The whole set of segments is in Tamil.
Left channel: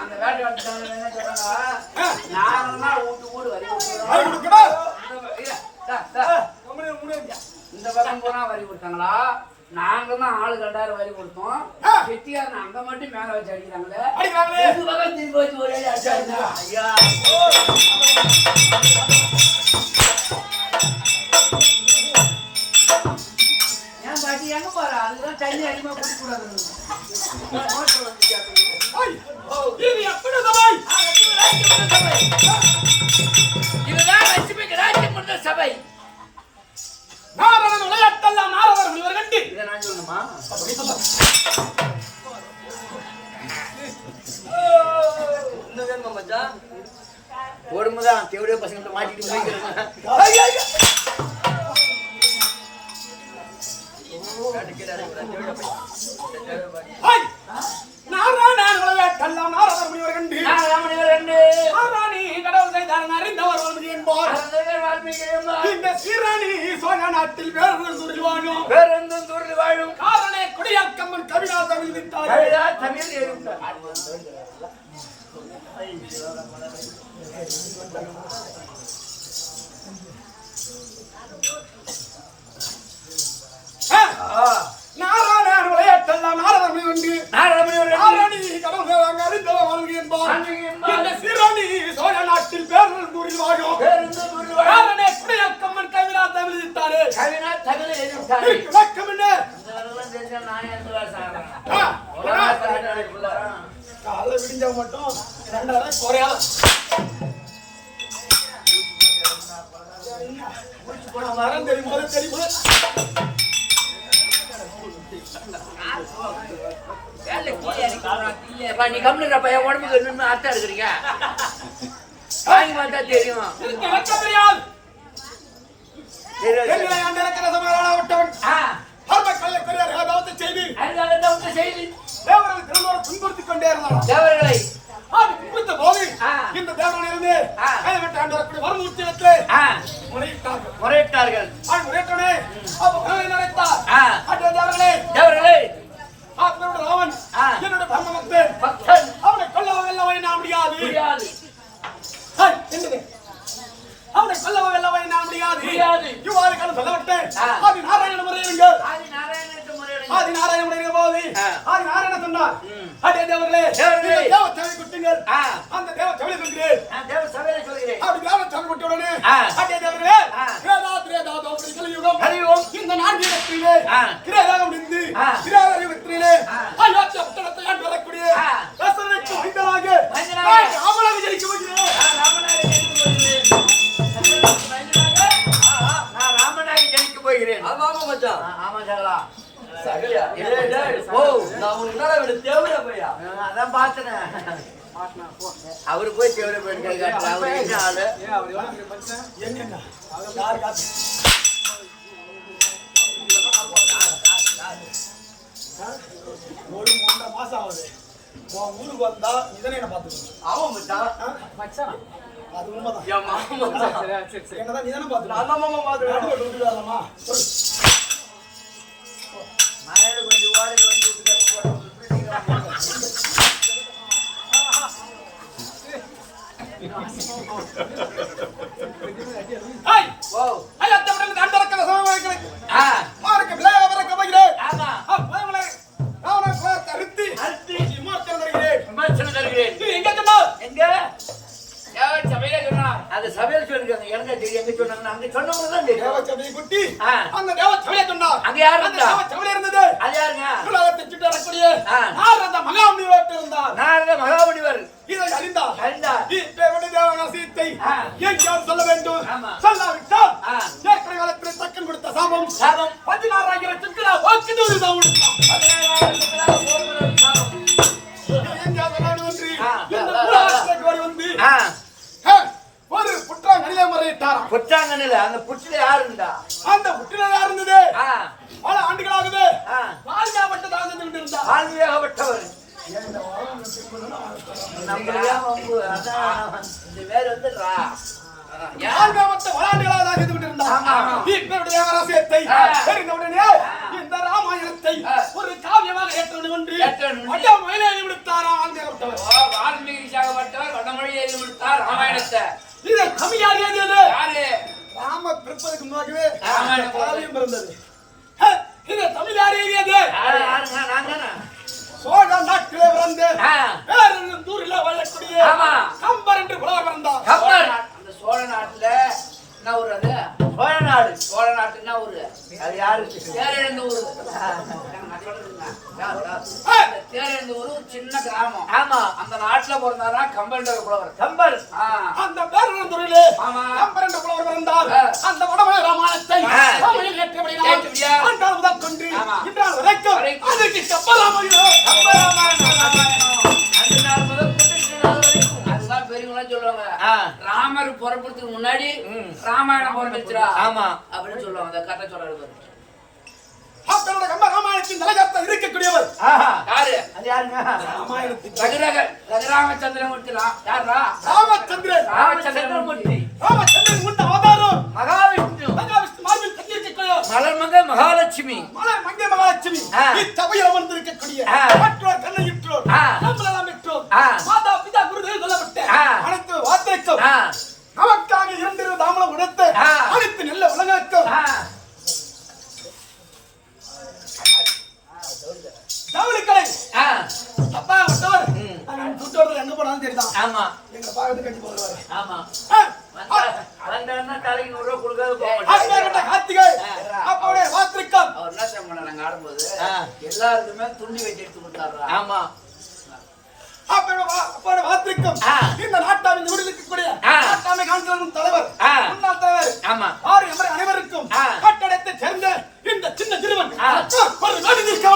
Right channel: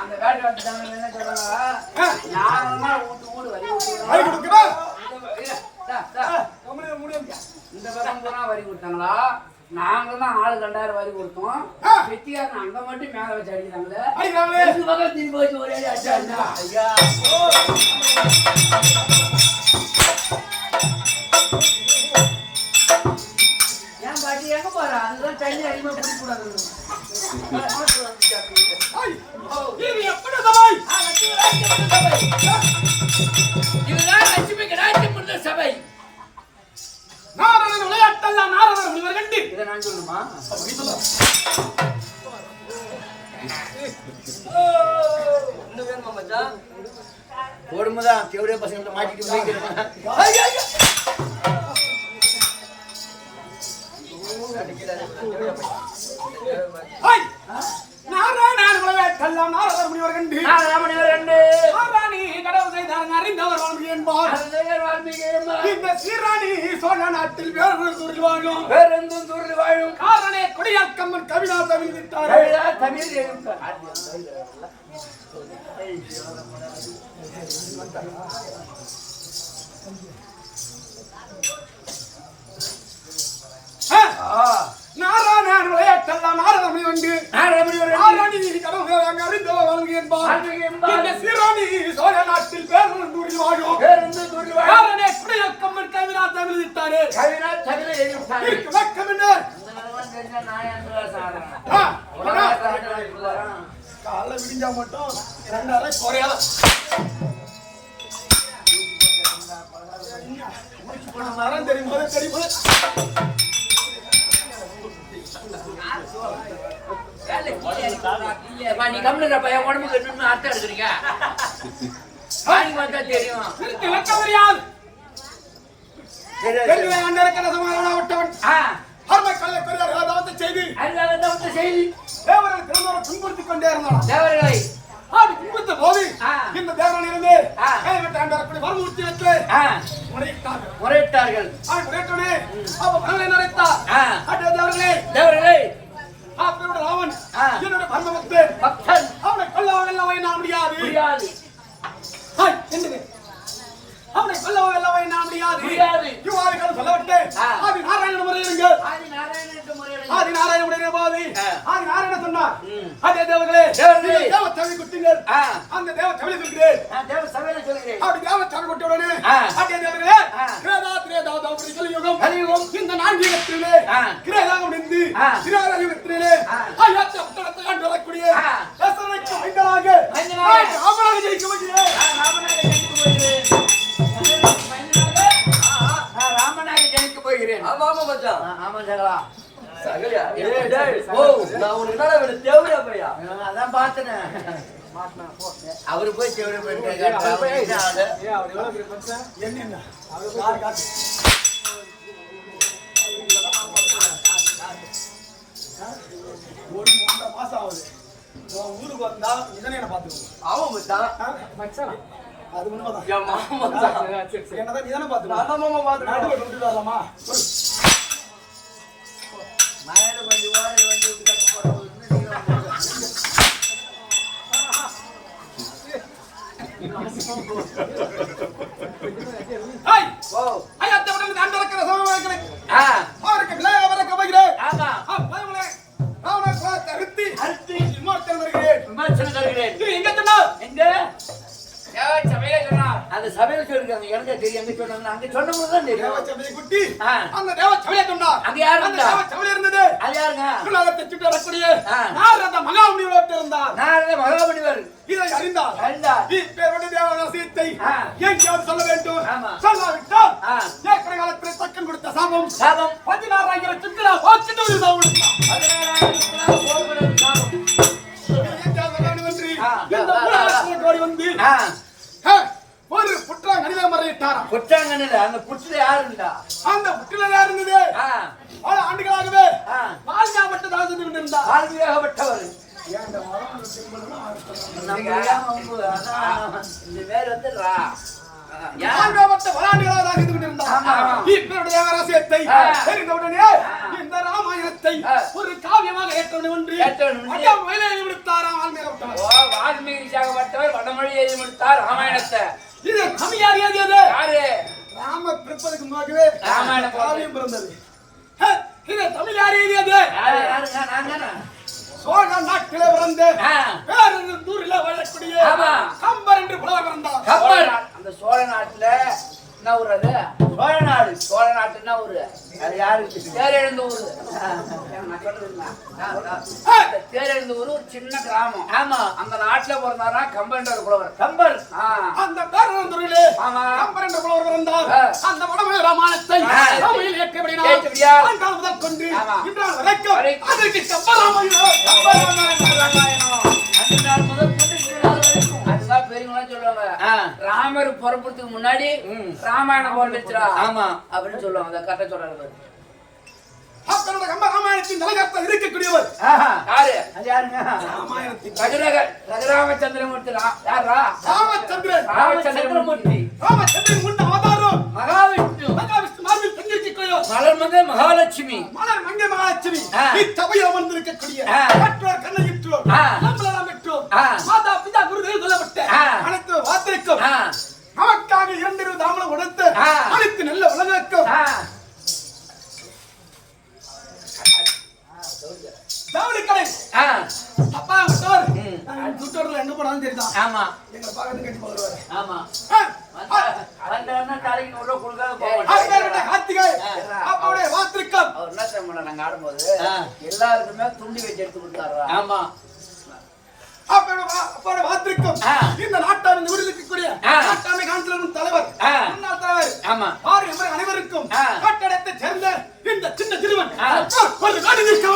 அந்த வேட்டை வாட்டி என்ன சொல்றாங்க, நாங்கன்னா ஊடு வரி இந்த பக்கம் பூரா வரி கொடுத்தாங்களா, நாங்க தான் ஆளு கண்டாயிரம் வரி கொடுத்தோம். வெட்டியாரன் அங்க மட்டும் மேல வச்சு அடிக்கிறாங்களே, இந்த பக்கம் திரும்பி வச்சு ஒரே அடிச்சாருன்னா ஐயா ஏன் பாட்டி எங்க போற, அதுதான் தண்ணி அதிகமா குடிக்க கூடாது. இதுதான் லட்சுமிக்கு ராஜ்யம் பண்ண சபை. நாரதன் விளையாட்டெல்லாம் நாரதர் முனிவர் கண்டு. இதை நான் சொல்லணுமா? ஓடும்போதுதான் தேவையா பசங்க மாட்டிட்டு நாராயணன் விளையாட்டெல்லாம் நாரதர் முனிவர் கண்டு. ஆராணி கடவுள் செய்தார் அறிந்தவர் வால்மீகி என்பார். இந்த சீராணி சோழ நாட்டில் வேறொரு வாழும் காரணே கொடியாக்கம்மன் கவிதா தமிழ் விட்டார். தமிழ் எழுதிட்டார். நாராயணன் விளையாட்டெல்லாம் நாரதர் முனிவர் கண்டு. ஆராணி கடவுள் அங்கு அறிந்தவர் வால்மீகி என்பார். இந்த சீராணி சோழ நாட்டில் வேறொரு வாழும் காரணே கொடியாக்கம்மன் கவிதா தமிழ் விட்டாரே. விளக்கம் என்ன? காலை விடிஞ்சா மட்டும் 2000 குறையாத வரம் தெரியும் போது நீ கம்முறப்ப என் உடம்புக்கு நின்று அர்த்தம் எடுக்கிறீங்க. துன்புறுத்திக் கொண்டே இருந்தாலும் தேவர்களை துன்புறுத்த போது இந்த தேவர்கள் இருந்து கைவிட்டு ஆண்டவரை வரமூர்த்தி வைத்து முறையிட்டார்கள். முறையிட்டனே அப்ப வரவை நினைத்தார். தேவர்களே தேவர்களே ராவன் என்னுடைய பரம பக்தன் பக்தன் அவனை கொல்லவ வெல்லவ என்ன முடியாது முடியாது. என்னது அவனை கொல்லவ வெல்லவ என்ன முடியாது முடியாது. யுவாதிகள் சொல்லவிட்டேன் ஆதி நாராயண முறையிருங்கள் ஆதி நாராயணனுக்கு முறையிடுங்க. ஆதி நாராயண முறையிற போது ஆதி நாராயண சொன்னார் அடே தேவர்களே தேவர்களே. தேவ சபை குட்டிங்கள் அந்த தேவ சபையை சொல்கிறேன் நான் தேவ சபையில சொல்கிறேன். அப்படி தேவ சபை குட்டி உடனே அடே தேவர்களே கிரேதா தௌபதி கலியுகம் கலியுகம் இந்த 4 யுகத்திலே கிரேதாக முடிந்து கிரேத யுகத்திலே அயோத்த புத்தகத்தை ஆண்டு வரக்கூடிய தசரனுக்கு மைந்தனாக ராமனாக ஜெயிக்க முடியும். ராமனாக ஜெயிக்க போகிறேன். நான் ராமனாக ஜெயிக்க போகிறேன். ஆமா ஆமா மச்சான். ஆமா சகலா. சகலியா டேய் டேய் ஓ நான் உனக்கு என்னடா வேணும் தேவரா பையா அதான் பார்த்தேன். அவரு போய் தேவரை போயிட்டு அவர் என்ன ஆளு? என்னன்னா யார் காத்து ஒரு 3 மாசம் ஆகுது உன் ஊருக்கு வந்தா இதனை என்ன பாத்துக்கணும். ஆமா மச்சான். மச்சான் அது உண்மைதான். யா மாமா மச்சான். என்னதான் நீ தானே பாத்துக்கணும். நான் மாமா பாத்துறேன். விட்டு வரலாமா மயில கொஞ்சம் ஓட வந்து ஹாய் ஓ ஐயா தவடல தண்டரக்க சமயங்களை ஆ மார்க்க விளைய வரக்க பகிரே ஆமா பயங்களே நான் கோத்த அறுத்தி விமர்சனம் தருகிறேன். விமர்சனம் தருகிறேன். நீ எங்க சொன்னார் எங்க தேவ சபையில சொன்னார். அது சபையில சொல்லிருக்காங்க. எனக்கு தெரியும் எங்க சொன்னாங்கன்னு. அங்க சொன்னவங்க தான் தெரியும். தேவ சபையை குட்டி ஆ. அந்த தேவ சபையை சொன்னார். அங்க யாரு அந்த இருந்தா? தேவ சபையில இருந்தது அது யாருங்க? உலகத்தை சுற்றி வரக்கூடிய ஆ. நாரத மகாமுனிவர் இருந்தார். நாரத மகாமுனிவர் இதை அறிந்தார். அறிந்தார். இப்பேற்பட்ட தேவ ரகசியத்தை ஆ. எங்கேயாவது சொல்ல வேண்டும். ஆமா. சொல்லாவிட்டால் ஆ. ஏற்கனவே காலத்தில் தக்கன் கொடுத்த சாபம் சாபம் 16,000 சித்திரா வாக்கு சாபம் கொடுத்தான். 16,000 போர்க்குடல் சாபம். எங்கேயாவது சொல்ல வேண்டும் என்று ஆ. இந்த மூலாசிரியர் கோடி வந்து ஆ ஒரு புற்றாங்க அணில முறையிட்டாராம். புற்றாங்கனில அந்த புற்றில யாரு இருந்தா? அந்த புற்றில இருந்தது ஆ பல ஆண்டுகளாகவே ஆ வாழ்காப்பட்டதாக சென்று கொண்டிருந்தார். ஆன்மீகப்பட்டவர். ஏன் இந்த வரம் திரும்பணும்னா நம்ம ஏன் வம்பு? அதான் இந்த பேர் வந்து ரா. வாழ்காப்பட்ட பல ஆண்டுகளாக செய்து கொண்டிருந்தார். ஆமா. இப்பேற்பட்ட தேவராசியத்தை ஆ. தெரிந்தவுடனே இந்த ராமாயணத்தை ஆ. ஒரு காவியமாக ஏற்றவன் என்று ஏற்றவன் என்று. அட்டம் மேலே விடுத்தாராம் ஆன்மீகப்பட்டவர். ஓ வால்மீகி சாகப்பட்டவர் வடமொழி எழுதி முடித்தார் ராமாயணத்தை. இதை கவியார் ஏதியது யாரு? ராம பிறப்பதற்கு முன்னாகவே ராமாயணம் காவியம் பிறந்தது. இதை தமிழ் யார் ஏதியது? யாருங்க? நாங்க சோழ நாட்டிலே பிறந்த ஆ பேரூரில் வாழக்கூடிய ஆமா. கம்பர் என்று புலவர் பிறந்தார். கப்பல். அந்த சோழ நாட்டுல என்ன ஊர் அது? சோழ நாடு. சோழ நாட்டு என்ன ஊரு? அது யாரு? தேரெழுந்த ஊரு. நான் சொல்றேன். தேரெழுந்த ஊரு ஒரு சின்ன கிராமம். ஆமா. அந்த நாட்டுல பிறந்தாரா கம்பன்ற புலவர். கம்பர். அந்த பேரூரிலே ஆமா. கம்பர் என்ற புலவர் பிறந்தார். அந்த வடமொழி ராமாயணத்தை தமிழில் ஏற்றபடினால் ஆண்டாள் முதல் கொண்டு இன்றால் வரைக்கும் அதற்கு கம்பர் ராமாயணம். கம்பர் ராமாயணம். அந்த நாள் முதல் கொண்டு அதுதான் பெரியவங்களா சொல்லுவாங்க. ராமர் பிறப்புறதுக்கு முன்னாடி ராமாயணம் பிறந்துச்சுடா. ஆமா அப்படின்னு சொல்லுவாங்க. அதை கரெக்டா சொல்றாரு பாரு. அப்பரோட கம்பர் ராமாயணத்தின் தலைகர்த்தம் இருக்கக்கூடியவர் யாரு? அது யாருங்க? ராமாயணத்தின் ரகுராமச்சந்திரமூர்த்தி. யாரா? ராமச்சந்திரன். ராமச்சந்திரமூர்த்தி. ராமச்சந்திரன் உண்ட அவதாரம் மகாவிஷ்ணு. மகாவிஷ்ணு மார்பில் தங்கியிருக்கக்கூடிய மலர்மகள் மகாலட்சுமி. மலர் மங்கை மகாலட்சுமி இத்தவையில் அமர்ந்திருக்கக்கூடிய மற்றோர் கண்ணையிற்றோர் நம்மளெல்லாம் பெற்றோர் மாதா பிதா குருதேவ சொல்லப்பட்ட அனைத்து வார்த்தைக்கும் நமக்காக 2 தாமலம் உடைத்து அனைத்து நல்ல உலகக்கும் ஜவுளி கடை அப்பா விட்டவர் சுட்டோர்ல எங்க போனாலும் சரிதான். ஆமா எங்களை பார்த்து கட்டி போடுவாரு. ஆமா வந்தா தலைக்கு நூறு ரூபாய் கொடுக்காத போக அப்பேற்பட்ட கார்த்திகை அப்பாவுடைய வார்த்தைக்கும் அவர் என்ன செய்ய நாங்க ஆடும்போது எல்லாருக்குமே துண்டி வச்சு எடுத்து கொடுத்தாரா. ஆமா அப்போட வார்த்தைக்கும் இந்த நாட்டாவின் ஊரில் இருக்கக்கூடிய நாட்டாமை கான்சிலர் தலைவர் முன்னாள் தலைவர் ஆமா அனைவருக்கும் கட்டடத்தை சேர்ந்த இந்த சின்ன சிறுவன் ஒரு நாடு நீக்க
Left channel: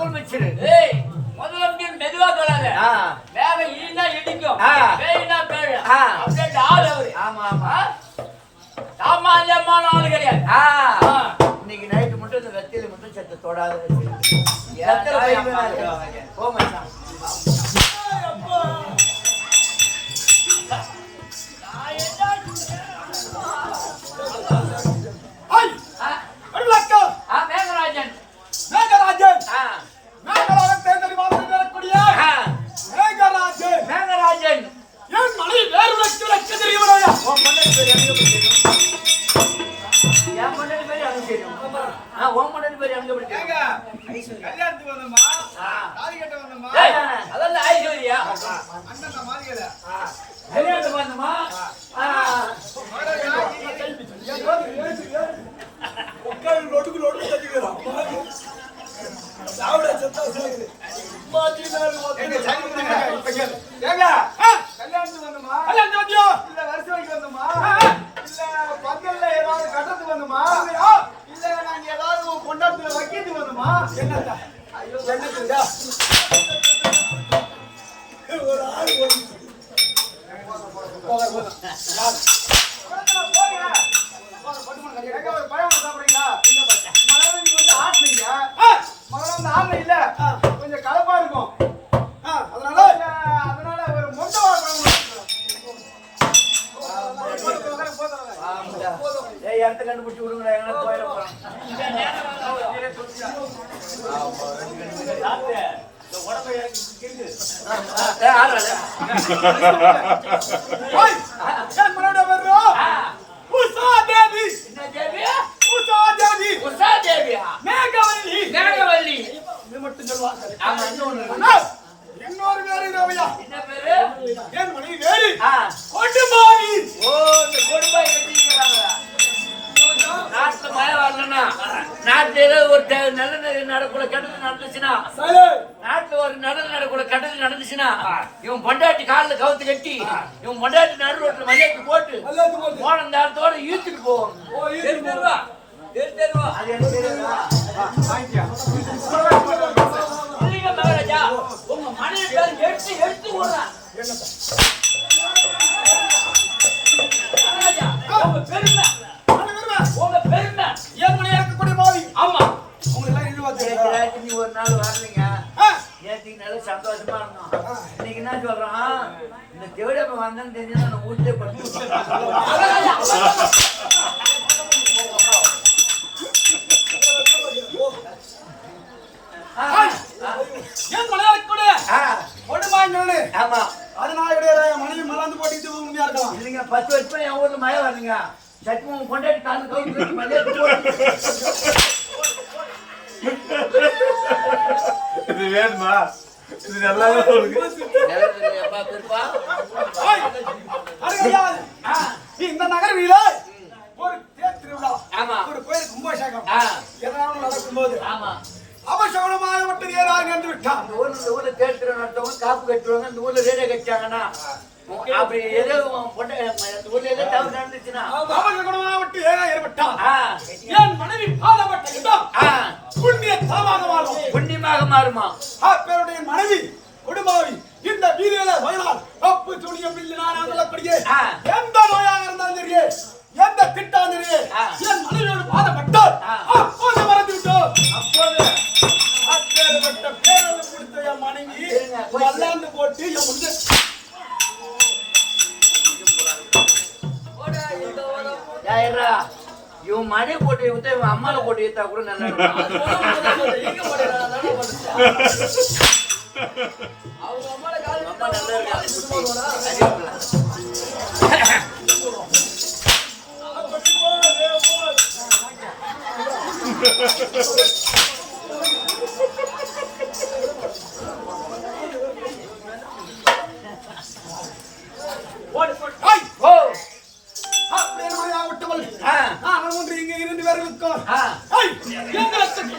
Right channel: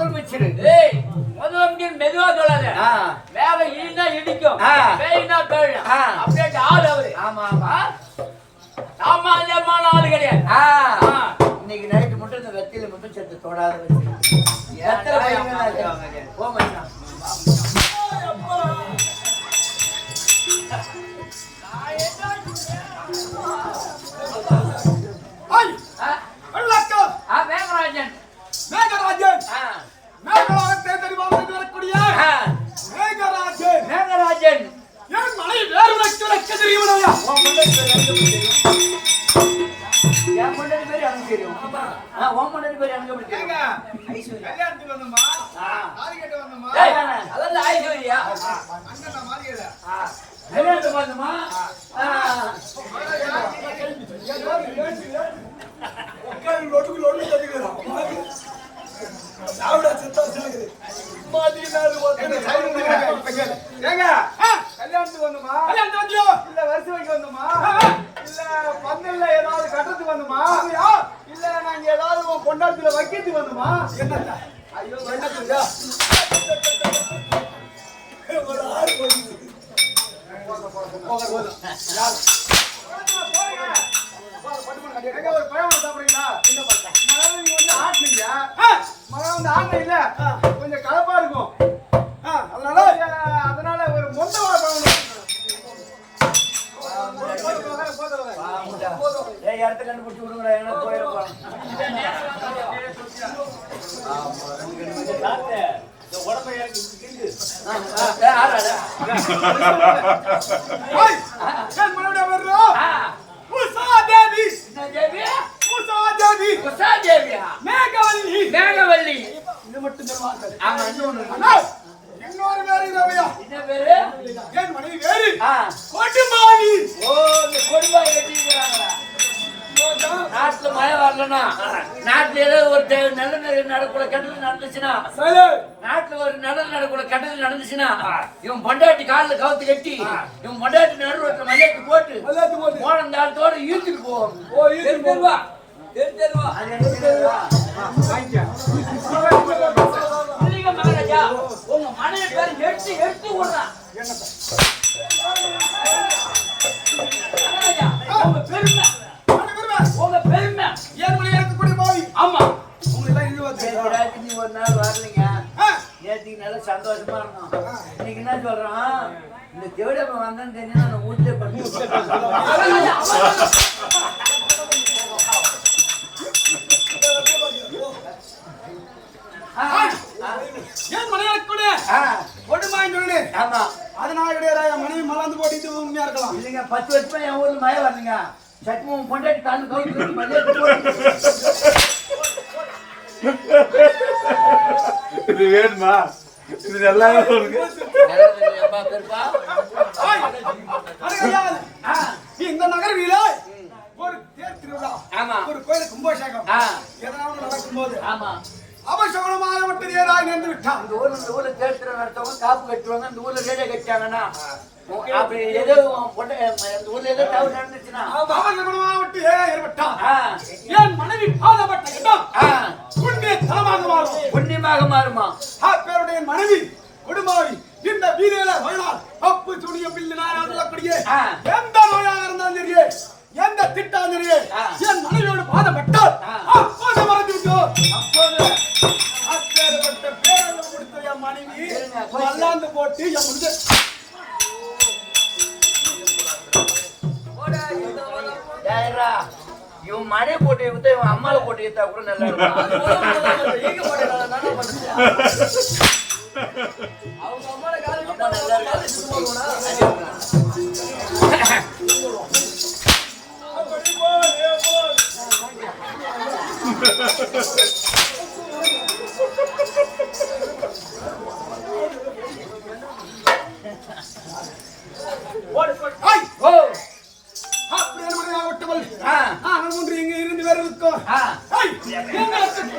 முதலமைச்சர். ஏய் முதலமைச்சர் மெதுவா சொல்லாத. வேக ஈனா இடிக்கும். பேயினா பேயும். அப்படியே ஆள் அவரு. ஆமா ஆமா. சாமானியமான ஆளு கிடையாது. இன்னைக்கு நைட்டு மட்டும் இந்த வெத்தியில மட்டும் செத்து தொடாத வச்சு. மேகராஜன் மேகராஜன் மேகராக தேர்ந்தெடுவார்கள் வரக்கூடிய மேகராஜன் மேகராஜன் என் மனைவி வேறு உனக்கு தெரியுமையா? உன் முன்னாடி பேர் எனக்கு தெரியும். என் முன்னாடி பேர் எனக்கு தெரியும். உன் முன்னாடி பேர் எனக்கு தெரியும். கல்யாணத்துக்கு வந்தோமா தாலி கட்ட வந்தோமா? அதான் ஐஸ்வர்யா அண்ணன் மாறியல கல்யாணத்துக்கு வந்தோமா? உட்காந்து லொடுக்கு லொடுக்கு தட்டிக்கிறான் சாவுடா செத்தா சொல்லுது மாதிரி நாள் ஏங்க கல்யாணத்துக்கு வந்தோமா? கல்யாணத்துக்கு வந்தியோ? இல்ல வருஷத்துக்கு வந்தோமா? இல்ல பந்தல்ல ஏதாவது கட்டத்துக்கு வந்தோமா? இல்ல நாங்க ஏதாவது கொண்டாடத்துல வைக்கிறதுக்கு வந்தோமா? என்னத்த ஐயோ என்னத்துடா ஒரு ஆள் ஒரு பழம் சாப்பிடுறீங்களா? என்ன பண்ண நீங்க வந்து ஆட்டுனீங்க மகன் வந்து ஆடல இல்ல கொஞ்சம் கலப்பா இருக்கும் அதனால ஒரு மொத்த பழம் இடத்த கண்டுபிடிச்சு விடுங்கடா. எனக்கு போயிடும். மேகவல்லி இது மட்டும் சொல்லுவாங்க. ஆமா இன்னொரு வேறு ரவையா என்ன பேரு? என் மனைவி வேறு கொடும்பாவி. ஓ இந்த கொடும்பாவி வெட்டிக்கிறாங்களா? நாட்டுல மழை வரலன்னா நாட்டுல ஏதோ ஒரு நல்ல நடக்கூட கெட்டது நடந்துச்சுன்னா நாட்டுல ஒரு நல்லது நடக்கூட கெட்டது நடந்துச்சுன்னா இவன் பொண்டாட்டி காலில் கவுத்து கட்டி இவன் பொண்டாட்டி நடு ரோட்டில் மலையாட்டு போட்டு போன நேரத்தோட ஈர்த்துட்டு போவோம். தெரிஞ்சிருவா தெரிஞ்சிருவா. அது எனக்கு தெரியாதா? இல்லைங்க மகாராஜா உங்க மனைவி பேர் எடுத்து எடுத்து விடுறான். மகாராஜா உங்க பெருமை உங்க பெருமை ஏன் மணி இருக்கக்கூடிய மாவி. ஆமா உங்களை எல்லாம் இழுவாது. நீ ஒரு நாள் வரலீங்க. நேற்றுக்கு நல்ல சந்தோஷமா இருந்தோம். இன்னைக்கு என்ன சொல்றான்? இந்த தேவடமை வந்தான்னு தெரிஞ்சு நான் வீட்டிலே பண்ணி ஏன் மலையாளக்கூட கொடுமான்னு சொல்லு. ஆமா அதனால கிடையாது மனைவி மலாந்து போட்டு உண்மையா இருக்கலாம். இல்லைங்க 10 வருஷமா என் ஊர்ல மழை வரலீங்க. சட்மம் பொண்டாட்டி காலு கவுத்து மலையாட்டு போட்டு இது வேணுமா? இது நல்லாவே இருக்கு. இந்த நகர்வில ஒரு தேர் திருவிழா ஆமா ஒரு கோயில் கும்பாபிஷேகம் எதனாலும் நடக்கும்போது ஆமா அவசரமாக மட்டும் நேராக நின்று விட்டான். இந்த ஊர்ல தேர் திருவிழா நடத்தவங்க காப்பு கட்டுவாங்க. இந்த ஊர்ல ரேடியோ கட்டாங்கன்னா அப்படி ஏதோ இந்த ஊர்ல ஏதோ தவறு நடந்துச்சுன்னா அவசரமாக மட்டும் ஏற்பட்டான். என் மனைவி பாதப்பட்ட இடம் புண்ணிய தலமாக மாறும். புண்ணியமாக மாறுமா? பேருடைய மனைவி குடும்பாவி இந்த வீதியில வயலால் அப்பு துணிய பில்லு நான் சொல்லக்கூடிய எந்த நோயாக இருந்தாலும் சரியே எந்த திட்டம் சரியே என் மனைவியோடு பாதப்பட்டால் அப்போது மறந்து விட்டோம். அப்போது அப்பேற்பட்ட பேரளவு கொடுத்த என் மனைவி வல்லாந்து போட்டு என் முடிஞ்ச இவன் மனையை போட்டு வித்தா இவன் அம்மாவை போட்டு ஏத்தா கூட நல்லா இருக்கும்.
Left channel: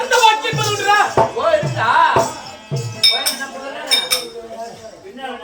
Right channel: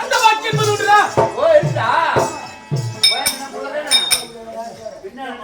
எந்த வாக்கியம் ஓ இருந்தா பின்னாடி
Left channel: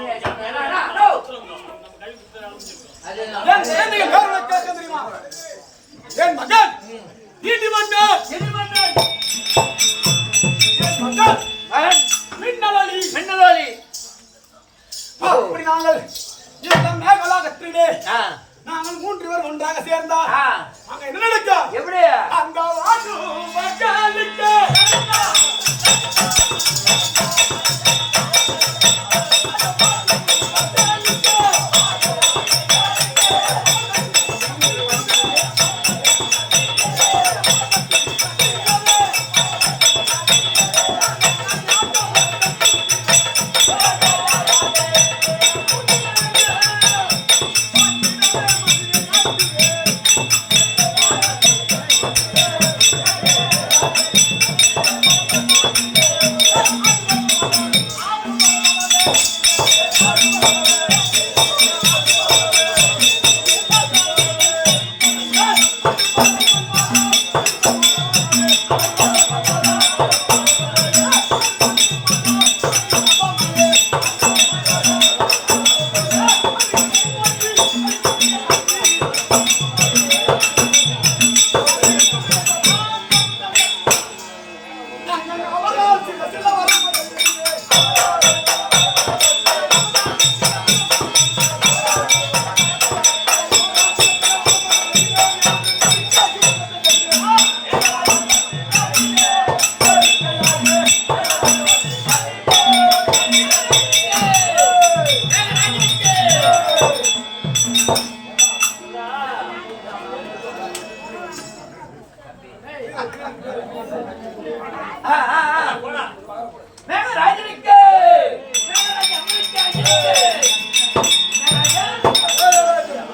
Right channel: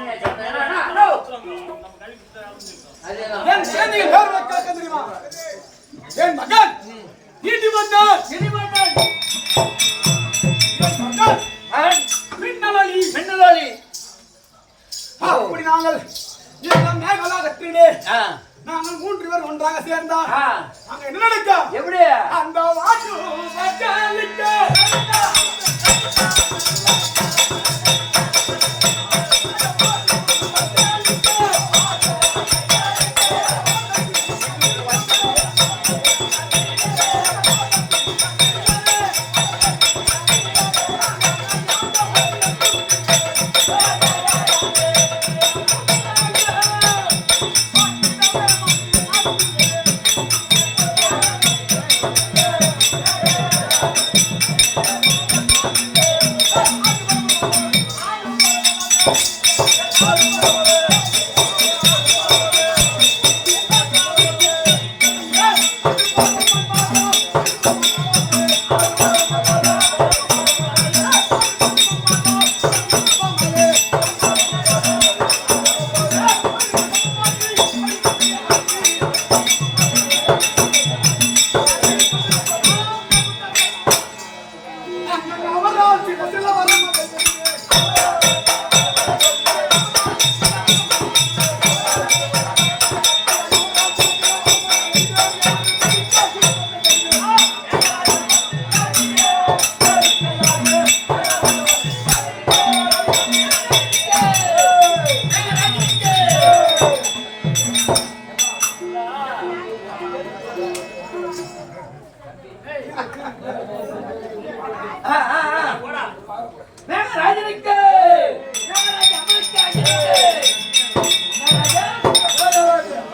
மேகராஜனுக்கு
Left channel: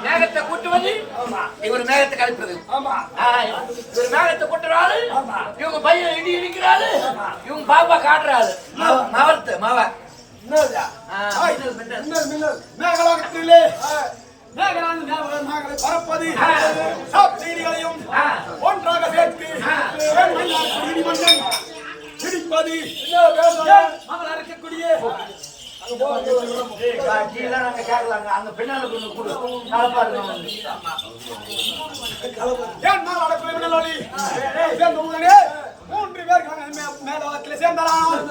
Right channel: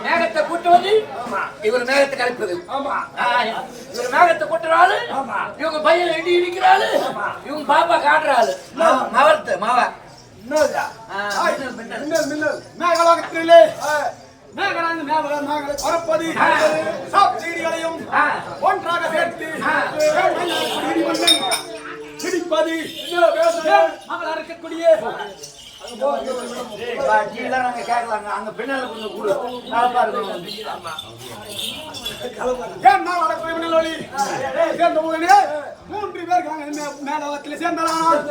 மேகத்தை கூட்டுவது இவர் மேகத்தை கலைப்பது இவர் மேகத்தை கூட்டுறாரு இவங்க பையன் இடி இடிக்கிறாரு இவங்க பாப்பா காட்டுறாரு மாவத்து மாவா மேகலாகத்திலே மேகங்களை பரப்பது செய்திகளையும் ஒன்றாக சேர்த்து இடிமன்னன் பிடிப்பது மகளா இருக்கக்கூடிய கேட்கலாங்க அங்க பின்னால கொண்டு கொடு ஏன் நாள் அடக்குறை மின்னலாளி சேர்ந்த முதலே 3 பேர்கள் மேலவத்தில் சேர்ந்தாரானால்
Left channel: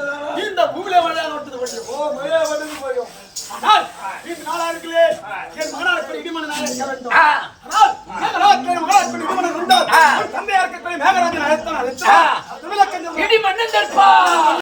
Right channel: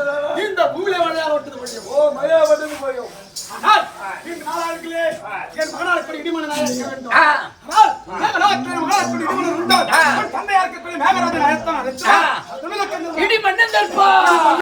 இந்த பூமியில வழியாக விட்டது போயும் ஆனால் இந்த நாளாருக்குள்ளே என் மகனாக இருக்கக்கூடிய இடிமன்னனாக இருக்க வேண்டும் ஆனால் மகனாக இருக்கக்கூடிய இடிமன்னன் இருந்தால் தந்தையா இருக்கக்கூடிய மேகராஜன் அழைத்தான் இடிமன்னன்